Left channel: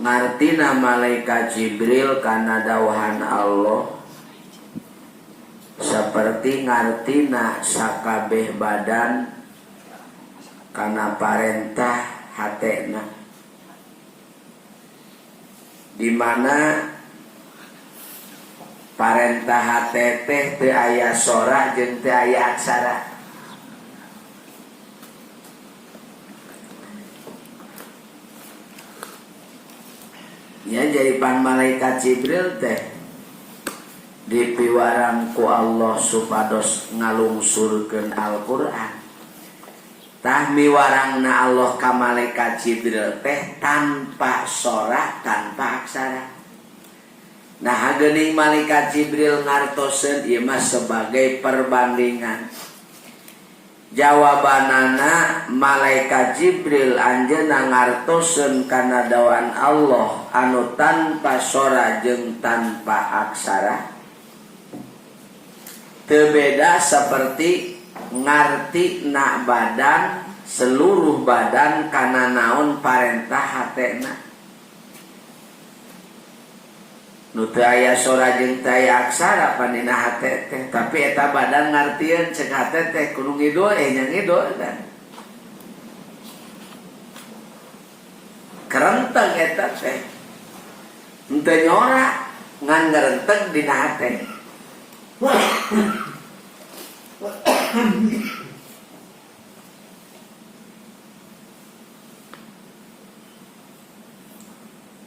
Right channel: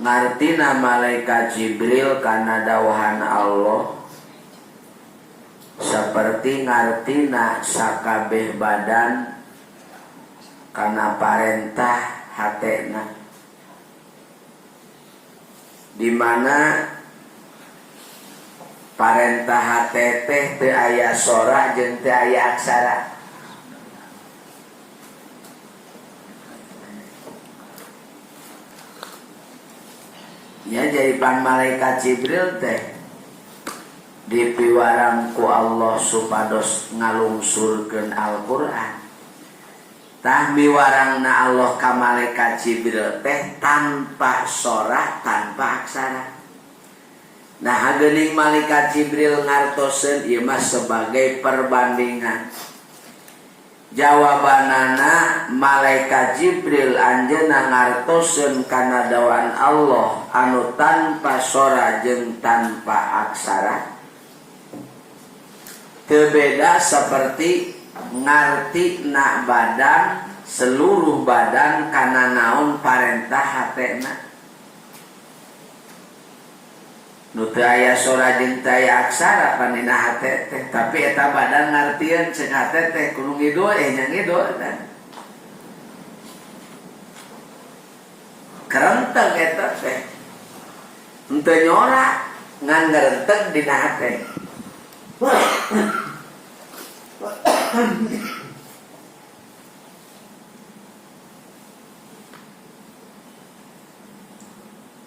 ngartina malaikat Jibril kana dawahan Allah seperti ngartina sakabeh badan kana parentah hatena, di mana parentah hate teh teu aya sora jeung teu aya aksara. Ya jadi pan malaikat Jibril teh dipiwarang ku Allah supados ngalungsurkeun Al-Qur'an. Tah miwarangna Allah ka malaikat Jibril teh tanpa sora, tanpa aksara. Nah geuning malaikat Jibril ngartoseun ieu mah sebagai perbandingan. Jawabanana malaikat Jibril anjeunna ngartoseun kana dawan Allah anu tanpa sora jeung tanpa aksara teu beda seperti ngartina badan, seluruh badan kana naon parentah hatena. Nu teu aya sora jeung teu aya aksara panina hate teh, tapi eta badan ngartieun ceuk hate teh kudu ngidul nya ngidul kan. Kerenteng eta teh. Henteu nyora ngan ngarenteg dina hate.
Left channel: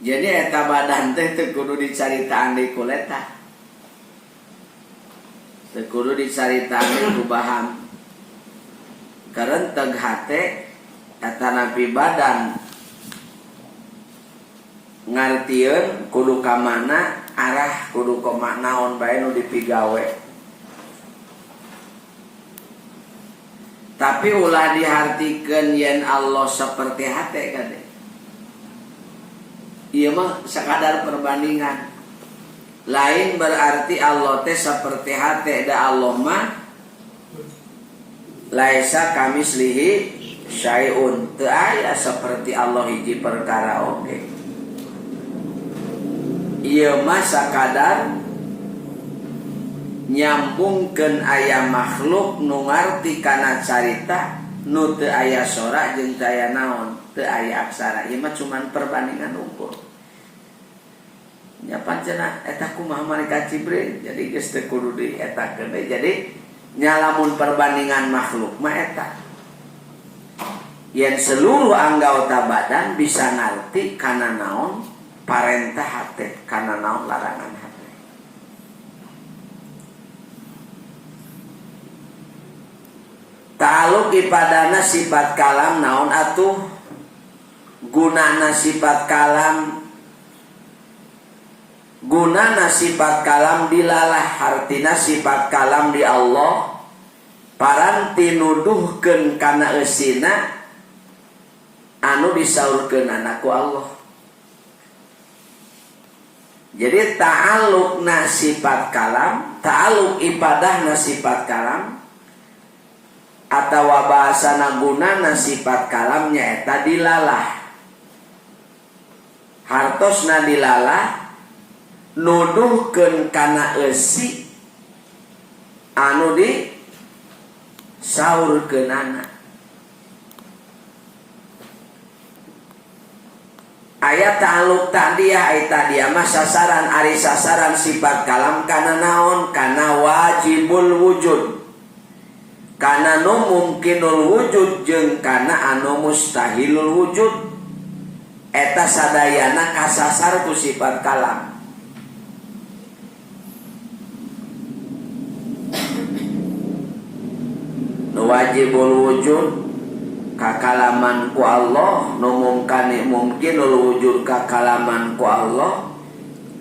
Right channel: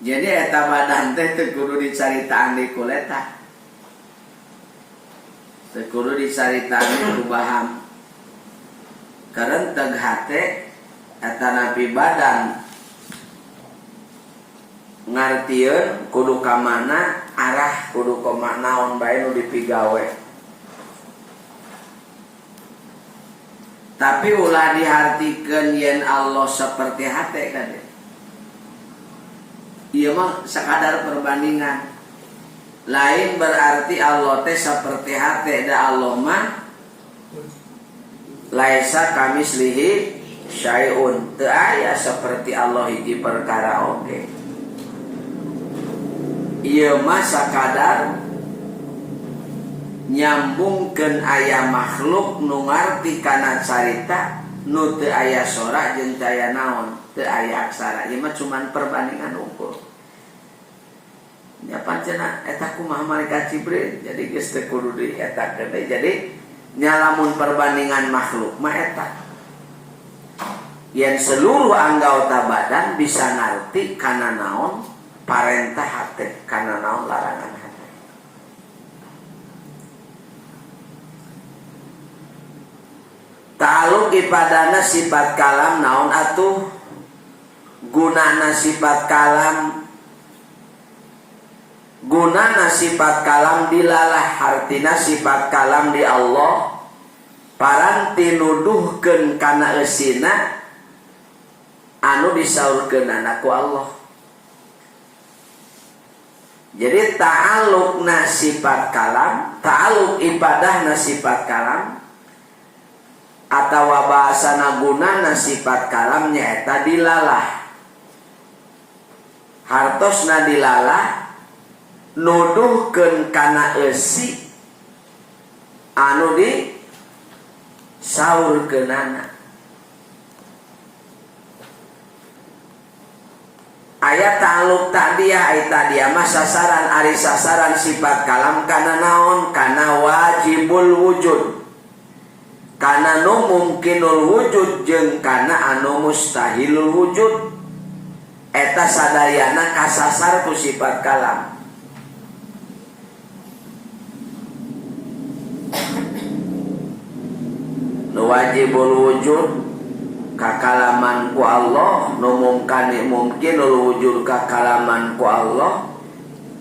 Jadi eta badan teh teu kudu dicaritaan di kuleta, teu kudu dicaritaan ku baham. Karenteg hate eta napi badan ngartieun kudu ka mana arah, kudu ka naon bae nu dipigawe. Tapi ulah dihartikeun yen Allah seperti hate kade. Ieu mah sakadar perbandingan. Lain berarti Allah teh seperti hate, da Allah mah laisa kamislihi syai'un, teu aya seperti Allah hiji perkara oge. Ieu mah sakadar nyambungkeun aya makhluk nu ngarti kana carita nu teu aya sora jeung teu aya naon, teu aya aksara. Ieu mah cuman perbandingan ukur. Nya pancena eta kumaha malaikat Jibril, jadi geus teu kudu dietakeun deui. Jadi nya lamun perbandingan makhluk mah eta. Yen seluruh anggota badan bisa ngarti kana naon parentah hate, kana naon larangan hate. Ta'alluq ipadana sifat kalam naon atuh? Gunana sifat kalam, gunana sifat kalam dilalah, artina sifat kalam di Allah paranti nuduhkeun kana eusina anu disaurkeun ku Allah. Jadi ta'alluqna sifat kalam, ta'alluq ibadahna sifat kalam, atawa bahasana gunana sifat kalam nyaeta dilalah. Hartosna dilalah nuduhkeun kana eusi anu di saurkeunana. Aya ta'alluq ta'diyah, ai ta'diyah mah sasaran, ari sasaran sifat kalam kana naon? Kana wajibul wujud, kana nu mungkinul wujud jeung kana anu mustahilul wujud. Eta sadayana kasasar ku sifat kalam. Nu wajibul wujud kakalaman ku Allah, nu mungkinul wujud kakalaman ku Allah,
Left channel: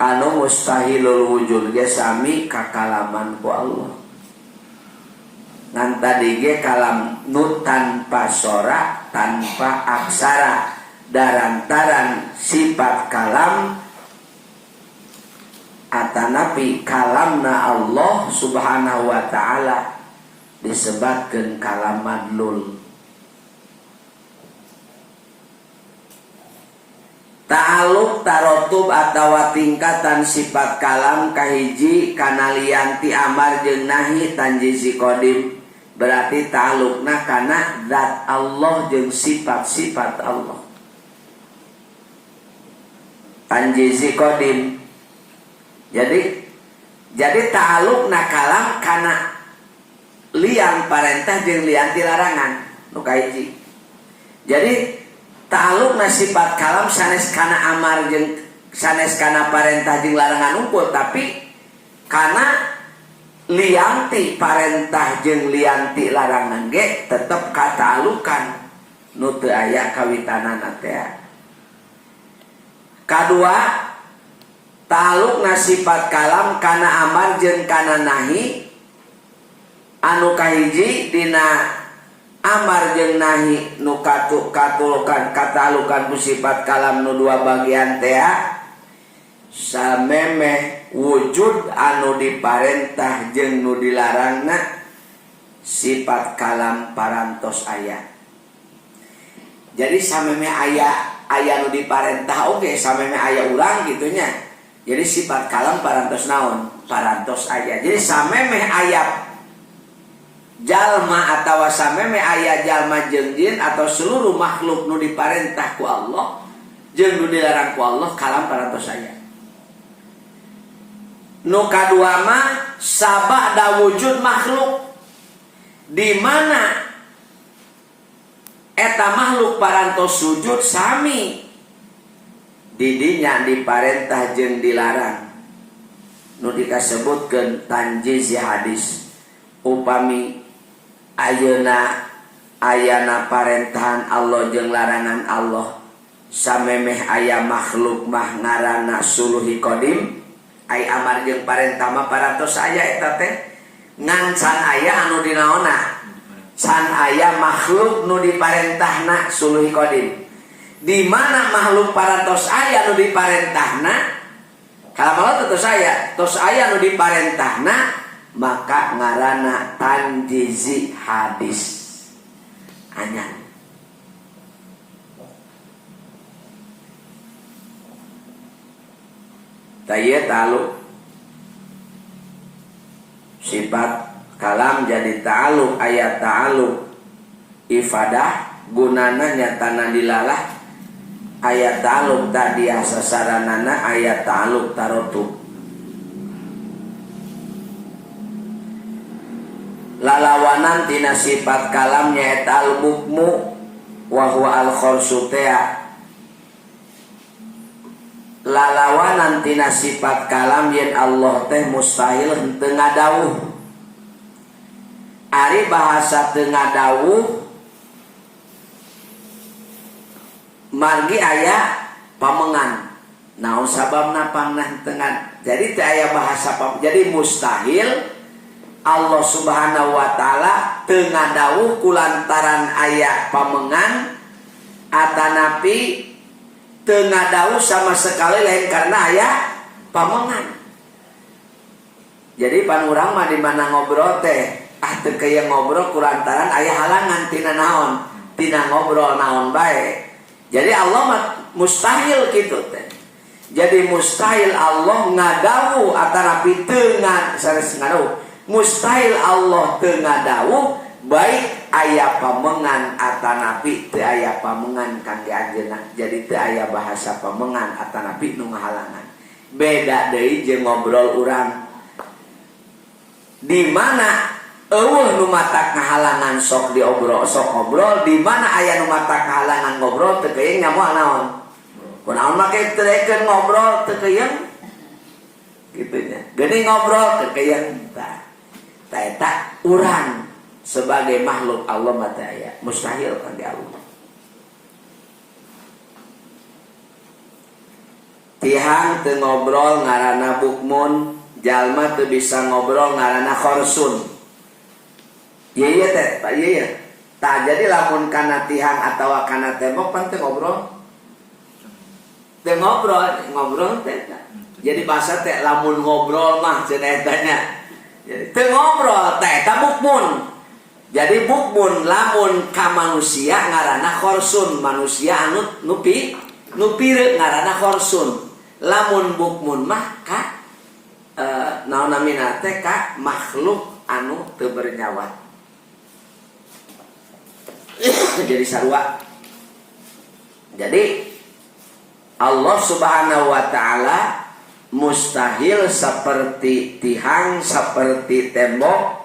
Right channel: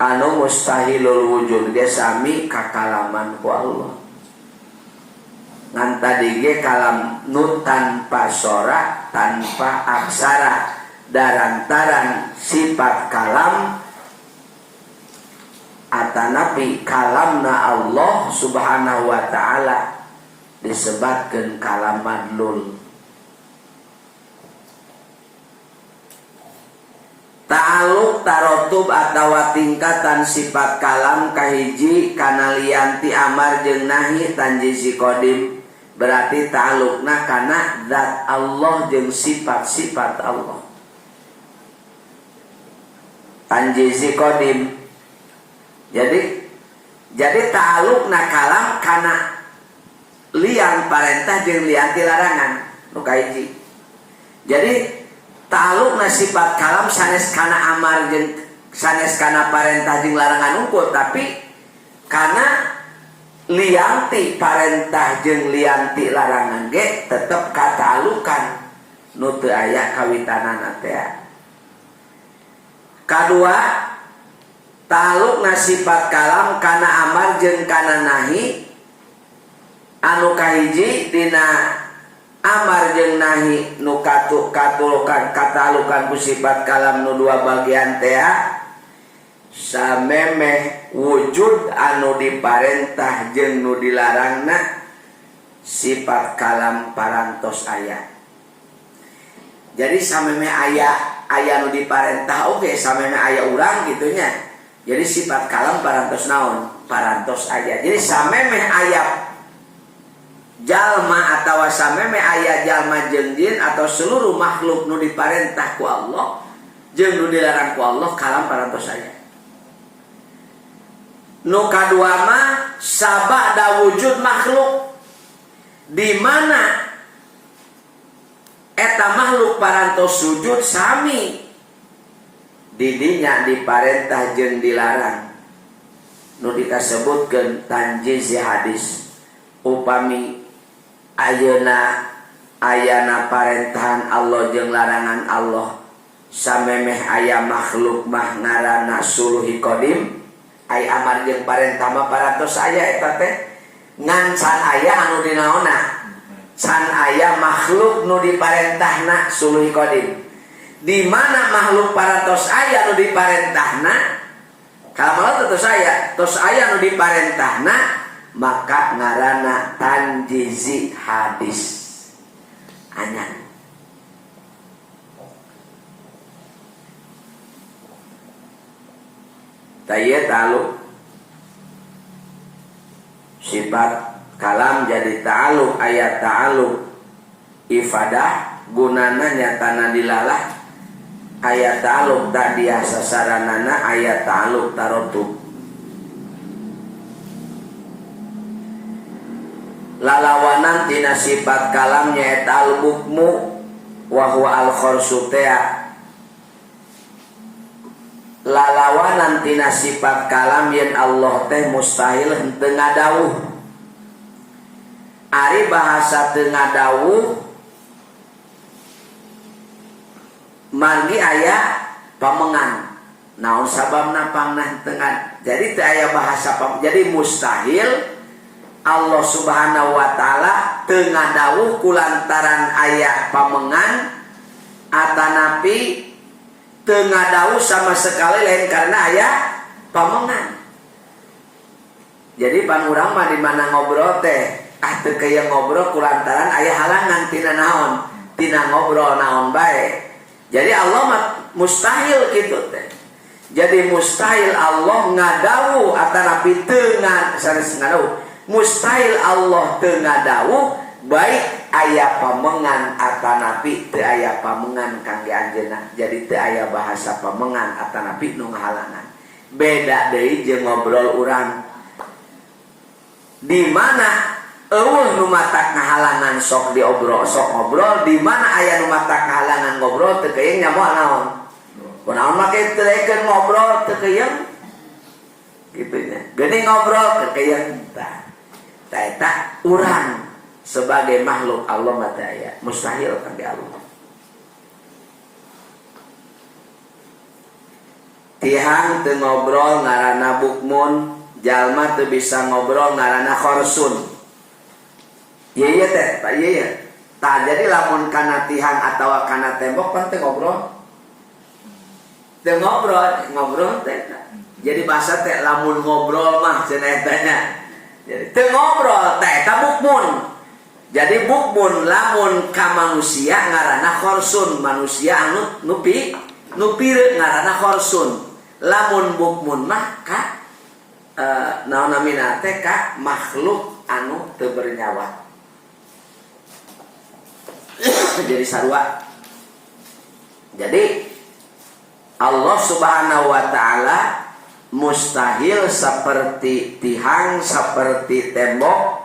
anu mustahilul wujud ge sami kakalaman ku Allah. Ngan tadi ge kalam nu tanpa sora, tanpa aksara, darantaran sifat kalam atanapi kalamna Allah subhanahu wa ta'ala disebutkeun kalam madlul. Ta'alluq ta'aluk tarotub atawa tingkatan sifat kalam kahiji kana lian ti amar jeung nahi tanjizi qadim berarti ta'alukna kana zat Allah jeung sifat-sifat Allah. Tanjizi qadim jadi ta'alukna kalam kana lian parentah jeung lian ti larangan nu kahiji. Jadi ta'alukna sifat kalam sanes kana amar jeung sanes kana parentah jeung larangan unggul tapi kana lianti parentah jeung lianti larangan ge tetep kata'alukan nu teu aya kawitanana teh. Kadua ta'alukna sifat kalam kana amar jeung kana nahi anu kahiji dina amar jeung nahi nu katulukan kata'alukan ku sifat kalam nu dua bagian teh samemeh wujud anu diparentah jeung nu dilarangna sifat kalam parantos aya. Jadi samemeh aya nu diparentah oge samemeh aya urang gitunya. Jadi sifat kalam parantos naon? Parantos aya. Jadi samemeh aya jalma atawa sameme aya jalma jeung jin atau seluruh makhluk nu diparentah ku Allah jeung nu dilarang ku Allah kalam parantos aya. Nu kadua mah sabada wujud makhluk di mana eta makhluk parantos sujud sami didinya diparentah jeung dilarang nu dikasebutkeun tanjiz hadis upami ayana parentahan Allah jeung larangan Allah samemeh aya makhluk mah ngaranna suluhi qadim ai amar jeung parentah mah parantos aya eta teh ngan can aya anu dinaonna can aya makhluk nu diparentahna suluhi qadim di mana makhluk parantos aya nu diparentahna kalamalah tos aya nu diparentahna maka ngarana tanjizi hadis anyar. Taya ta'aluk sifat kalam jadi ta'aluk ayat ta'aluk ifadah gunana nyatana dilalah ayat ta'aluk tadiah sasaranana ayat ta'aluk tarotub. Lalawanan tina sifat kalam nyaeta al-bukmu wa huwa al-khorsu tea. Lalawanan tina sifat kalam yen Allah teh mustahil henteu ngadawuh. Ari bahasa teu ngadawuh margi aya pamengan. Naon sababna pangnah teu jadi teu aya bahasa jadi mustahil Allah subhanahu wa ta'ala teu ngadawuh kulantaran aya pamengan atanapi teu ngadawuh sama sekali lain karena aya pamengan. Jadi pan urang mah di mana ngobrol teh teu kaya ngobrol kulantaran aya halangan tina naon? Tina ngobrol naon bae. Jadi Allah mah mustahil kitu teh. Jadi mustahil Allah ngadawuh atanapi teu ngadawuh. Mustahil Allah teu ngadawuh baik aya pamengan atanapi teu aya pamengan kangge anjeunna. Jadi teu aya bahasa pamengan atanapi nu ngahalangan. Beda deui jeung ngobrol urang. Di mana eueuh nu matak ngahalangan sok diobrol sok ngobrol, di mana aya nu matak ngahalangan ngobrol teu keuyeung nyamoal naon. Kunaon make teu daekeun ngobrol teu keuyeung. Gitunya. Geuning ngobrol teu keuyeung tah. Eta urang sebagai makhluk Allah mata aya mustahil kangge Allah. Tihang teu ngobrol ngaranna bukmun, jalma teu bisa ngobrol ngaranna khorsun. Ieu teh, Pak ieu. Tah jadi lamun kana tihang atawa kana tembok pan teu ngobrol. Teu ngobrol teh. Jadi bahasa teh lamun ngobrol mah cenah etanya. Jadi teu ngobrol teh eta bukmun. Jadi bukmun lamun ka manusia ngaranna khorsun, manusia anu nupi Nu pireuk ngaranna khorsun. Lamun bukmun mah ka naon-namina teh ka makhluk anu teu bernyawa. Jadi sarua. Jadi Allah Subhanahu wa taala mustahil seperti tihang, seperti tembok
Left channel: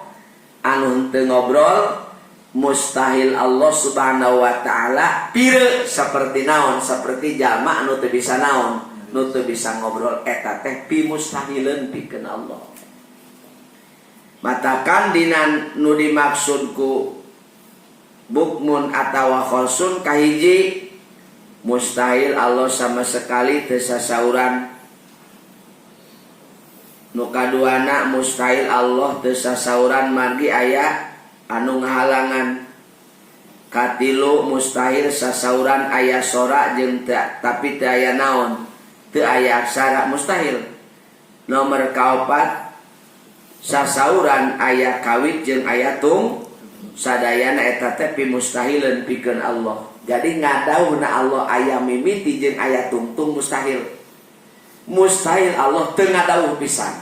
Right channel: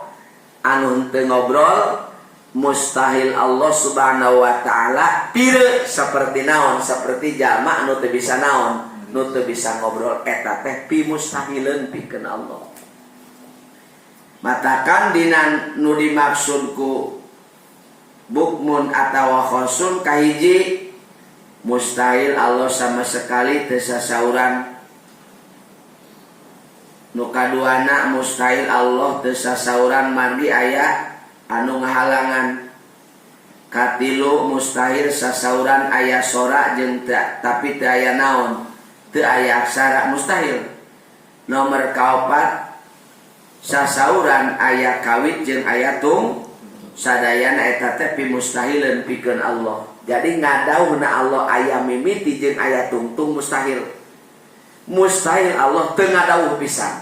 anu teu ngobrol. Mustahil Allah Subhanahu wa taala pireuk seperti naon, seperti jalma anu teu bisa naon, nu teu bisa ngobrol. Eta teh pi mustahileun pikeun Allah. Matakan dina nu dimaksud ku bukmun atawa khosun kahiji mustahil Allah sama sekali teu sasauran. Nu kaduana mustahil Allah teu sasauran margi aya anu ngahalangan. Katilu mustahil sasauran aya sora jeung tapi teu aya naon, teu aya aksara, mustahil. Nomor kaopat sasauran aya kawit jeung aya tung sadayana eta teh pi mustahileun pikeun Allah. Jadi ngadauhna Allah aya mimiti jeung aya tungtung mustahil. Mustahil Allah teu ngadauh pisan.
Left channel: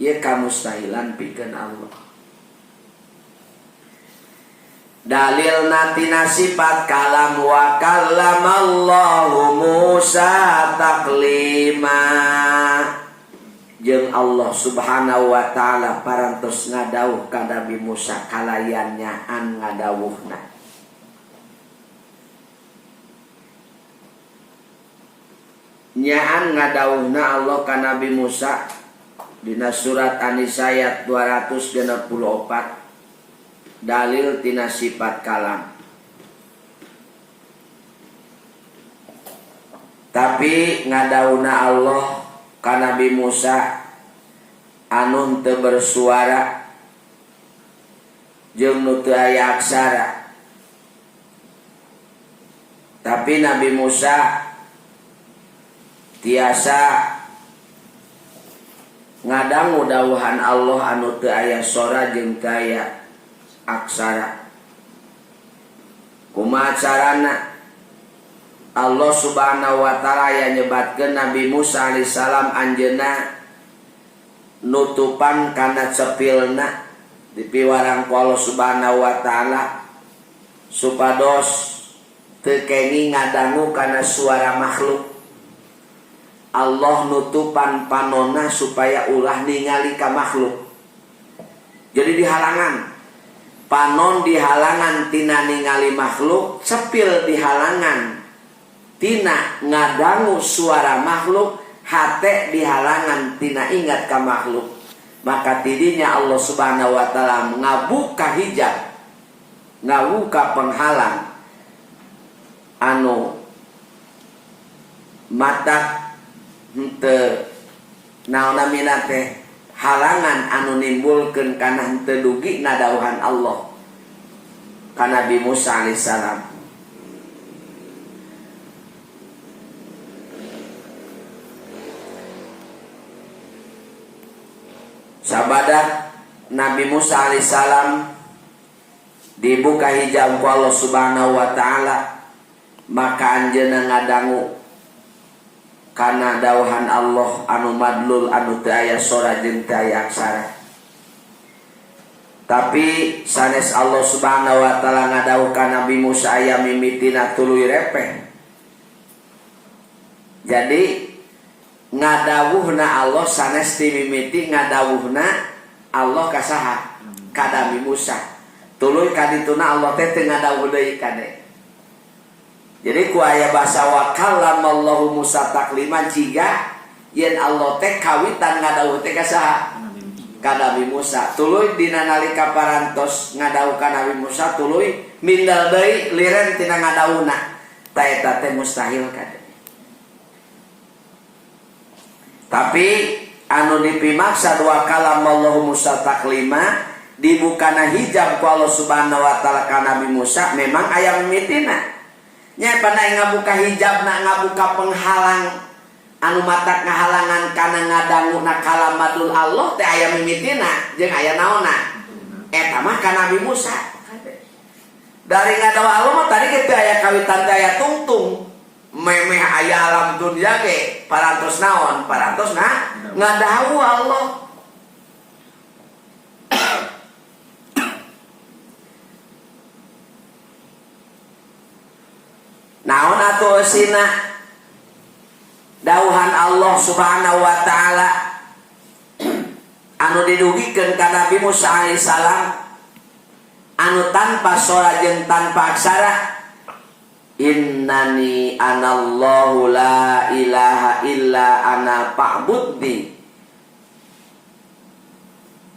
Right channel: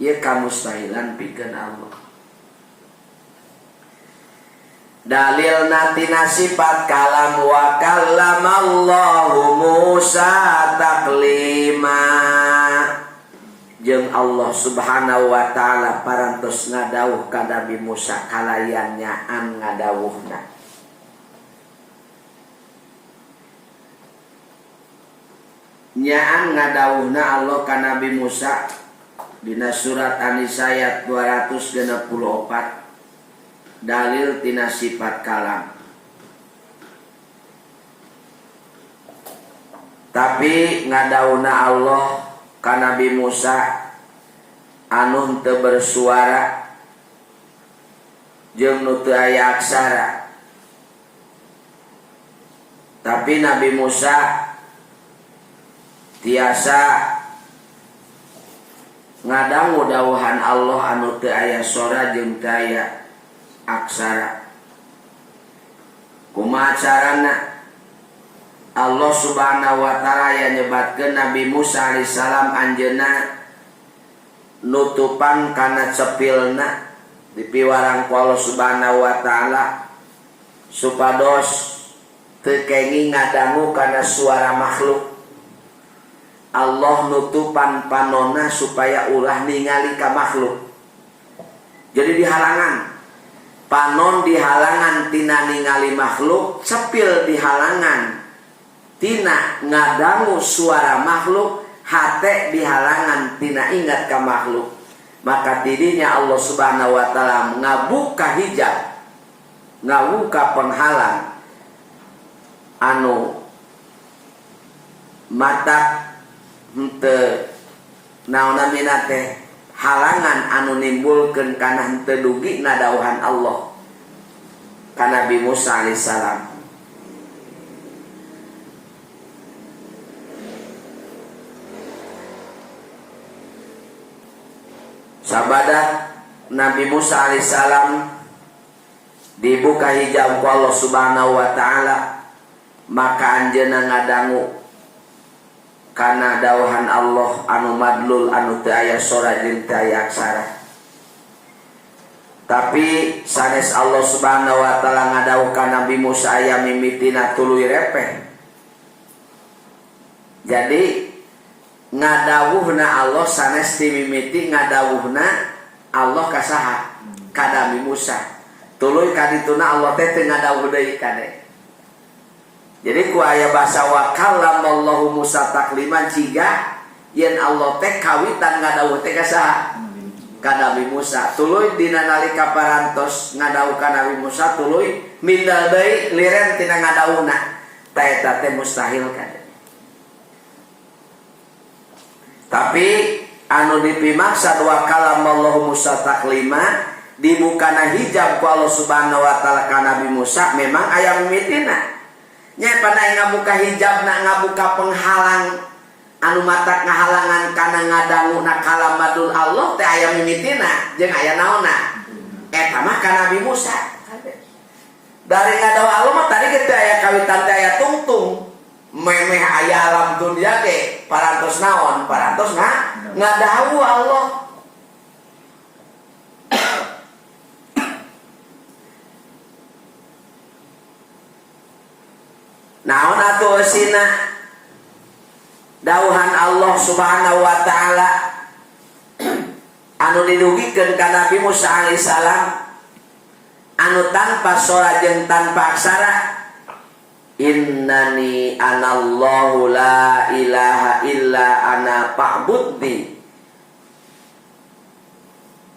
Ieu kamustahilan pikeun Allah. Dalil natina sifat kalam wa kallamallahu Musa taklima. Jeung Allah Subhanahu wa taala parantos ngadawuh ka Nabi Musa kalayan nyaan ngadawuhna. Nyaan ngadawuhna Allah ka Nabi Musa dina surat An-Nisa ayat 264. Dalil tina sifat kalam. Tapi ngadawuna Allah ka Nabi Musa anu teu bersuara jeung nu teu aya aksara. Tapi Nabi Musa tiasa ngadangu dawuhan Allah anu teu aya sora jeung teu aya aksara. Kumaha carana Allah Subhanahu wa taala aya nyebatkeun Nabi Musa alaihissalam anjeunna nutupan kana cepilna dipiwarang ku Allah Subhanahu wa taala supados teu kengi ngadangu kana suara makhluk. Allah nutupan panonna supaya ulah ningali ka makhluk. Jadi dihalangan. Panon dihalangan tina ningali makhluk, cepil dihalangan tina ngadangu suara makhluk, hate dihalangan tina ingat ka makhluk. Maka tidinya Allah Subhanahu wa taala ngabuka hijab, ngabuka penghalang anu mata henteu naon-namina teh halangan anu nimbulkeun kana henteu dugi nadauhan Allah ka Nabi Musa alaihissalam. Sabadat Nabi Musa alaihissalam dibuka hijab ku Allah Subhanahu wa taala, maka anjeunna ngadangu kana dawuhan Allah anu madlul anu teu aya sora jeung teu aya aksara. Tapi sanes Allah Subhanahu wa taala ngadawuh ka Nabi Musa aya mimitina tuluy repeh. Jadi ngadawuhna Allah sanes ti mimiti ngadawuhna Allah ka saha? Ka Nabi Musa. Tuluy kadituna Allah teh teu ngadawuh deui kade. Jadi ku aya basa wa kallamallahu Musa takliman ciga yen Allah teh kawitan ngadawuh teh ka saha? Ka Nabi Musa. Tuluy dina nalika parantos ngadawuh ka Nabi Musa tuluy mindal deui liren tina ngadawuhna. Ta eta teh mustahil kade. Tapi anu dipimaksad wa kallamallahu Musa taklima dibukana hijab ku Allah Subhanahu wa taala ka Nabi Musa memang aya mimitina. Nya pana ngabuka hijab na ngabuka penghalang anu matak ngahalangan kana ngadanguna kalamadul Allah teh aya mimitina jeung aya naonna eta mah ka Nabi Musa. Dari ngadawa Allah mah tadi kita aya kawitan teh aya tungtung memeh aya alam dunia ge parantos naon parantos ngadawu Allah. Naon atuh eusina dauhan Allah Subhanahu wa taala anu didugikeun ka Nabi Musa alaihissalam anu tanpa sora jeung tanpa aksara, innani anallahu la ilaha illa ana fa'budni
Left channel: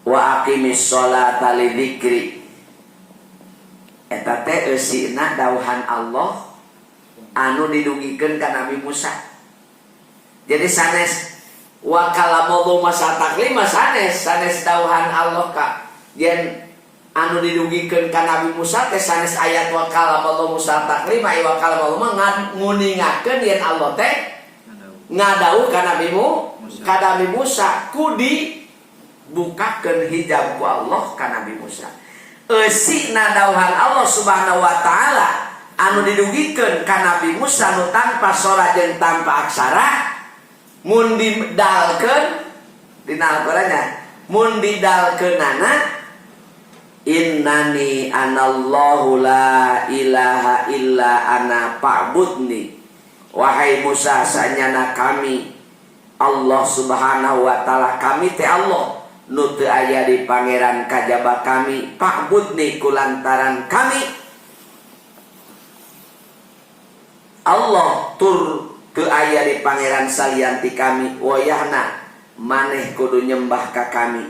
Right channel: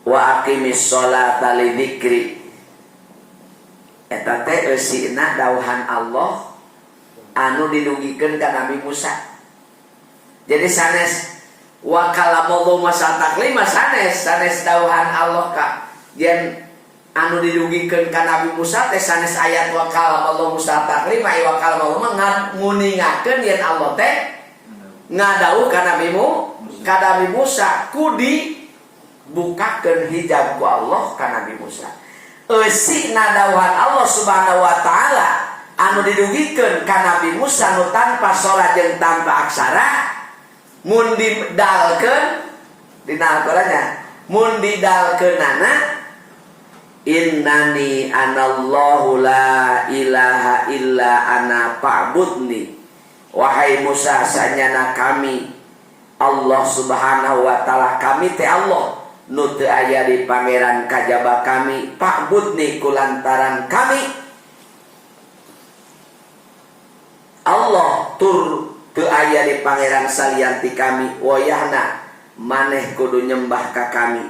wa aqimis sholata li dzikri. Eta teh eusina dauhan Allah anu didugikeun ka Nabi Musa. Jadi sanes wa kalamallahu masa taklima sanes dauhan Allah ka yen anu didugikeun ka Nabi Musa teh sanes ayat wa kalamallahu Musa taklima wa kalamallahu nguningakeun yen Allah teh ngadawuh ka Nabi Musa kudi bukakeun hijab ku Allah ka Nabi Musa. Eusina dauhan Allah Subhanahu wa taala anu didugikeun ka Nabi Musa nu tanpa sora jeung tanpa aksara mun didalkeun dina Al-Qur'annya mun didalkeunana innani anallahu la ilaha illa ana fa'budni. Wahai Musa sanyana kami Allah Subhanahu wa taala kami teh Allah nu teu aya di pangeran kajaba kami fa'budni kulantaran kami Allah tur teu aya di pangeran salianti kami wayahna maneh kudu nyembah ka kami.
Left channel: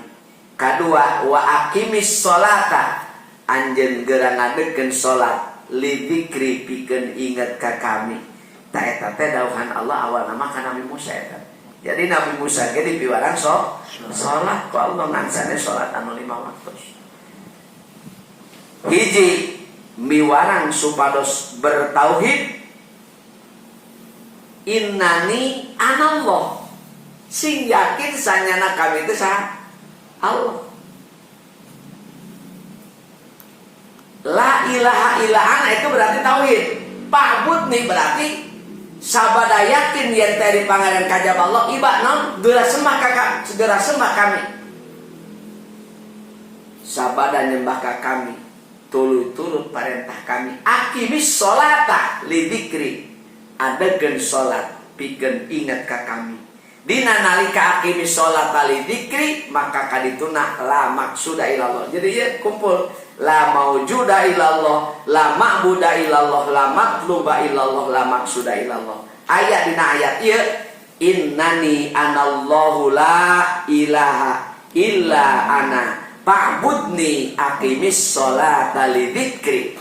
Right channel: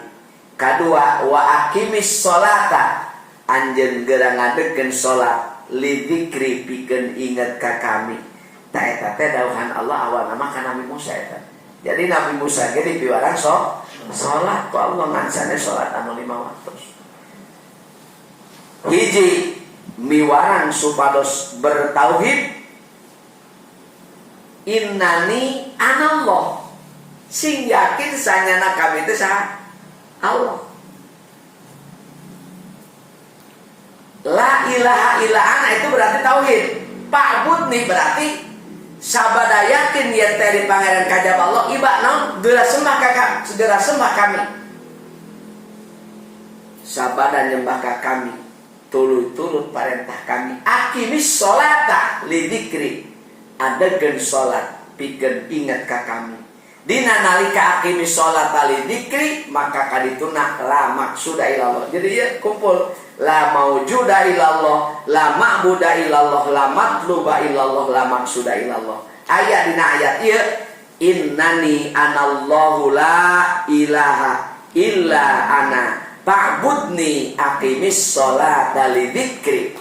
Kadua wa aqimis sholata anjeun geura ngadegeun salat li dzikri pikeun inget ka kami. Ta eta teh dauhan Allah awalna mah ka Nabi Musa eta. Jadi Nabi Musa ge dipiwaran salat ku Allah ngan sanes salat anu 5 waktu. Hiji miwaran supados bertauhid innani anallah sing yakin sanyana kami teh saha Allah. La ilaha illa ana itu berarti tauhid. Pa'bud nih berarti sabada yakin yen teh di pangeran kajab Allah iba naon geura sembah kami. Sabada nyembah ka kami turut perintah kami aqimis sholata li dzikri adegeun salat pikeun inget ka kami. Dina nalika aqimis sholata li dzikri maka kadituna la maqsuda illallah. Jadi ya kumpul la maujuda illallah, la ma'buda illallah, la matluba illallah, la maqsuda illallah. Ayat dina ayat ieu innani anallahu la ilaha illa ana fa'budni aqimis sholata li dzikri.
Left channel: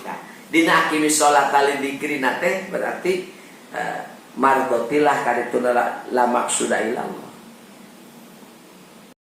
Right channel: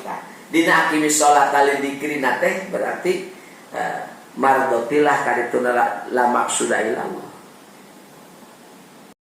Dina aqimis sholata li dzikri nate berarti mardotilah kadituna la maqsuda illallah.